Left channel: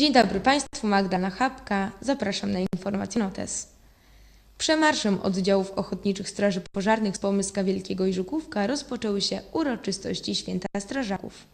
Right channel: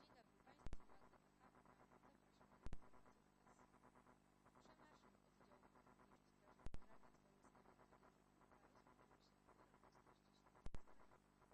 Dzień dobry Państwu, Magdalena Chapka. Zapraszam na informację notes. Przemarszem oddziałów ochotniczych straży pożarnych z Pomyska Wielkiego i Żukówka rozpoczęły się uroczystości Święta Strażaków.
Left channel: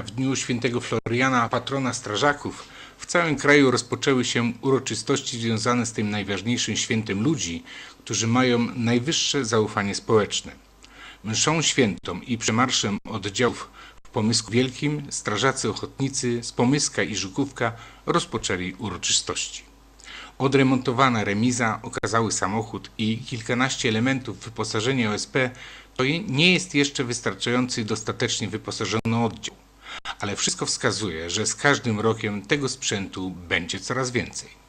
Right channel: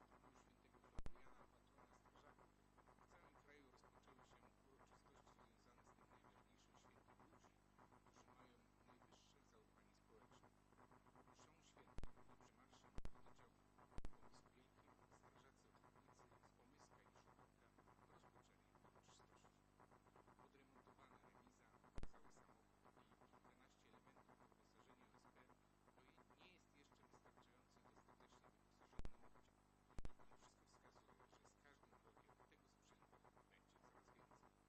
W dniu świętego Floriana, patrona strażaków, w całym kraju rozpoczęły się uroczystości związane z tym najważniejszym świętem ludzi, którzy mają najwyższe zaufanie społeczne. Mszą świętą i przemarszem oddziałów w Pomysku Wielkim strażacy ochotnicy z Pomyska i Żukówka rozpoczęli uroczystości. Odremontowana remiza, okazały samochód i kilkanaście elementów wyposażenia OSP to nie jest jeszcze wystarczający dostatecznie wyposażony oddział, ale wszystko wskazuje, że z każdym rokiem tego sprzętu będzie coraz więcej.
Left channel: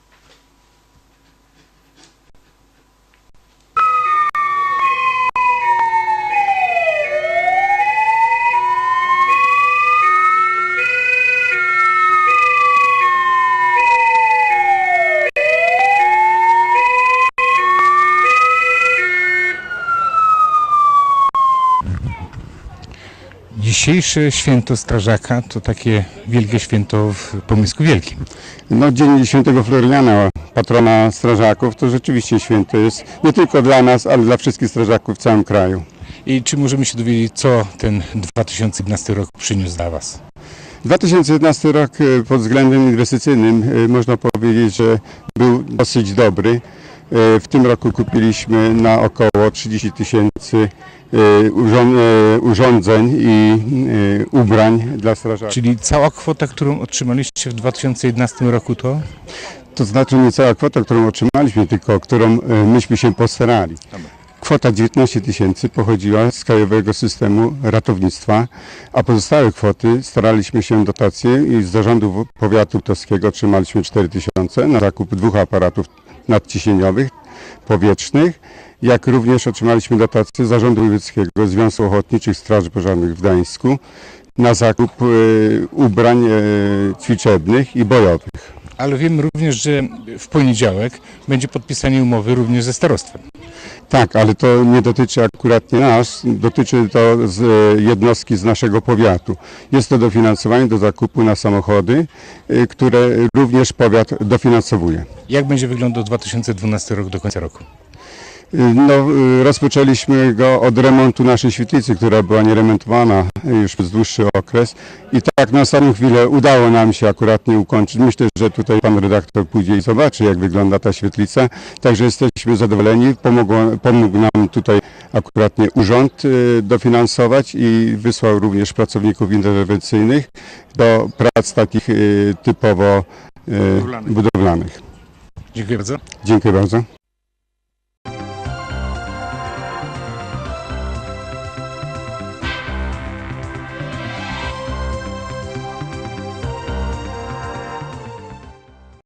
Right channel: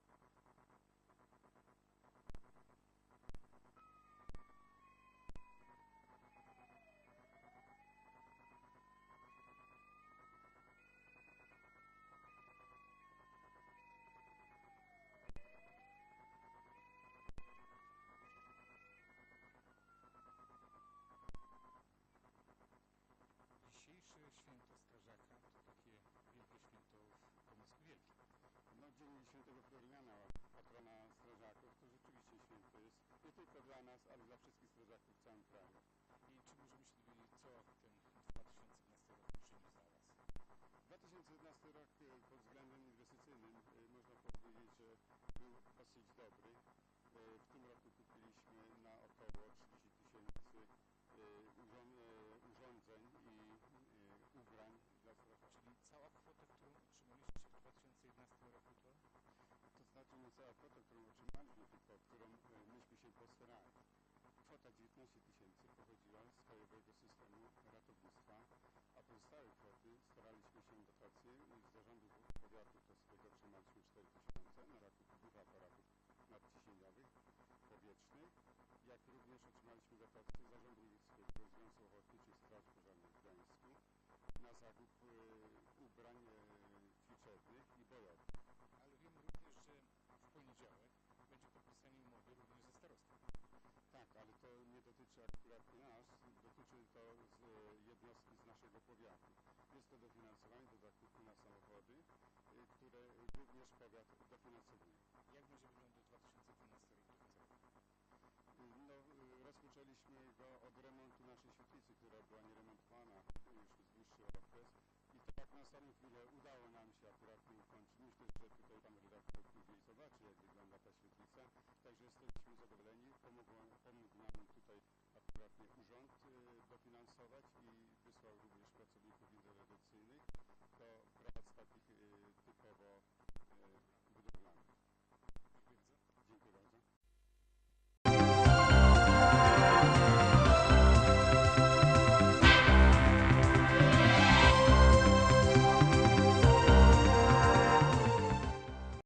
Dzisiejsze święto strażaka to takie wielkie święto w Pomysku Wielkim. No, Dzień Świętego Floriana, patrona strażaków, to rzeczywiście święto jest nie tylko dla nas, ale dla wszystkich strażaków w całym kraju. I czy możemy się dowiedzieć, co ten 2011 rok przyniósł dla Was? 2011 rok e, pod względem inwestycyjnym e, można powiedzieć, że był dosyć dobry. E, W tym roku kupiliśmy na około 30 tysięcy urządzeń i e, ubrań dla strażaków. Czyli cała kwota, którą otrzymaliście w 2011 roku to? To znaczy nie cała kwota, którą otrzymaliśmy, tylko którą myśmy się postarali. Kwota 19 tysięcy pochodziła z Krajowego Systemu Ratownictwa, a pozostałe kwoty staraliśmy się dotacje i z zarządu powiatu ptowskiego otrzymaliśmy 4 tysiące na zakup dwóch aparatów nadciśnieniowych, powietrznych, jak również otrzymaliśmy dotację zarządu wojewódzkiego Związku Ochotniczych Straży Pożarnych w Gdańsku na zakup e, ubrań e, ćwiczebnych i bojowych. Ale wiem również, że w poniedziałek będzie podpisanie umowy również ze starostwem. Tak, ale to nie dotyczy akurat nie nas, dotyczy to z e, jednostki z naszego powiatu. Jest to dofinansowanie do zakupu na samochody, które również powiat dofinansowuje. Jak będzie wyglądał 2012 rok do końca roku? No, rozpoczęliśmy go od remontu naszej świetlicy, która była nieremontowana już przez dłuższy okres i tak na samą chwilę udało nam się akurat nie ukończyć. Myślę, że tutaj pan redaktor pójdzie i zobaczy, jak wygląda ta świetlica. Także jesteśmy zadowoleni. Pomogło, pomógł nam tutaj akuratnie urząd e, dofinansować i wysłał również pracowników interwencyjnych do prac takich e, typowo Budowlanych. budowlanych. Dziękuję bardzo. Dziękuję bardzo.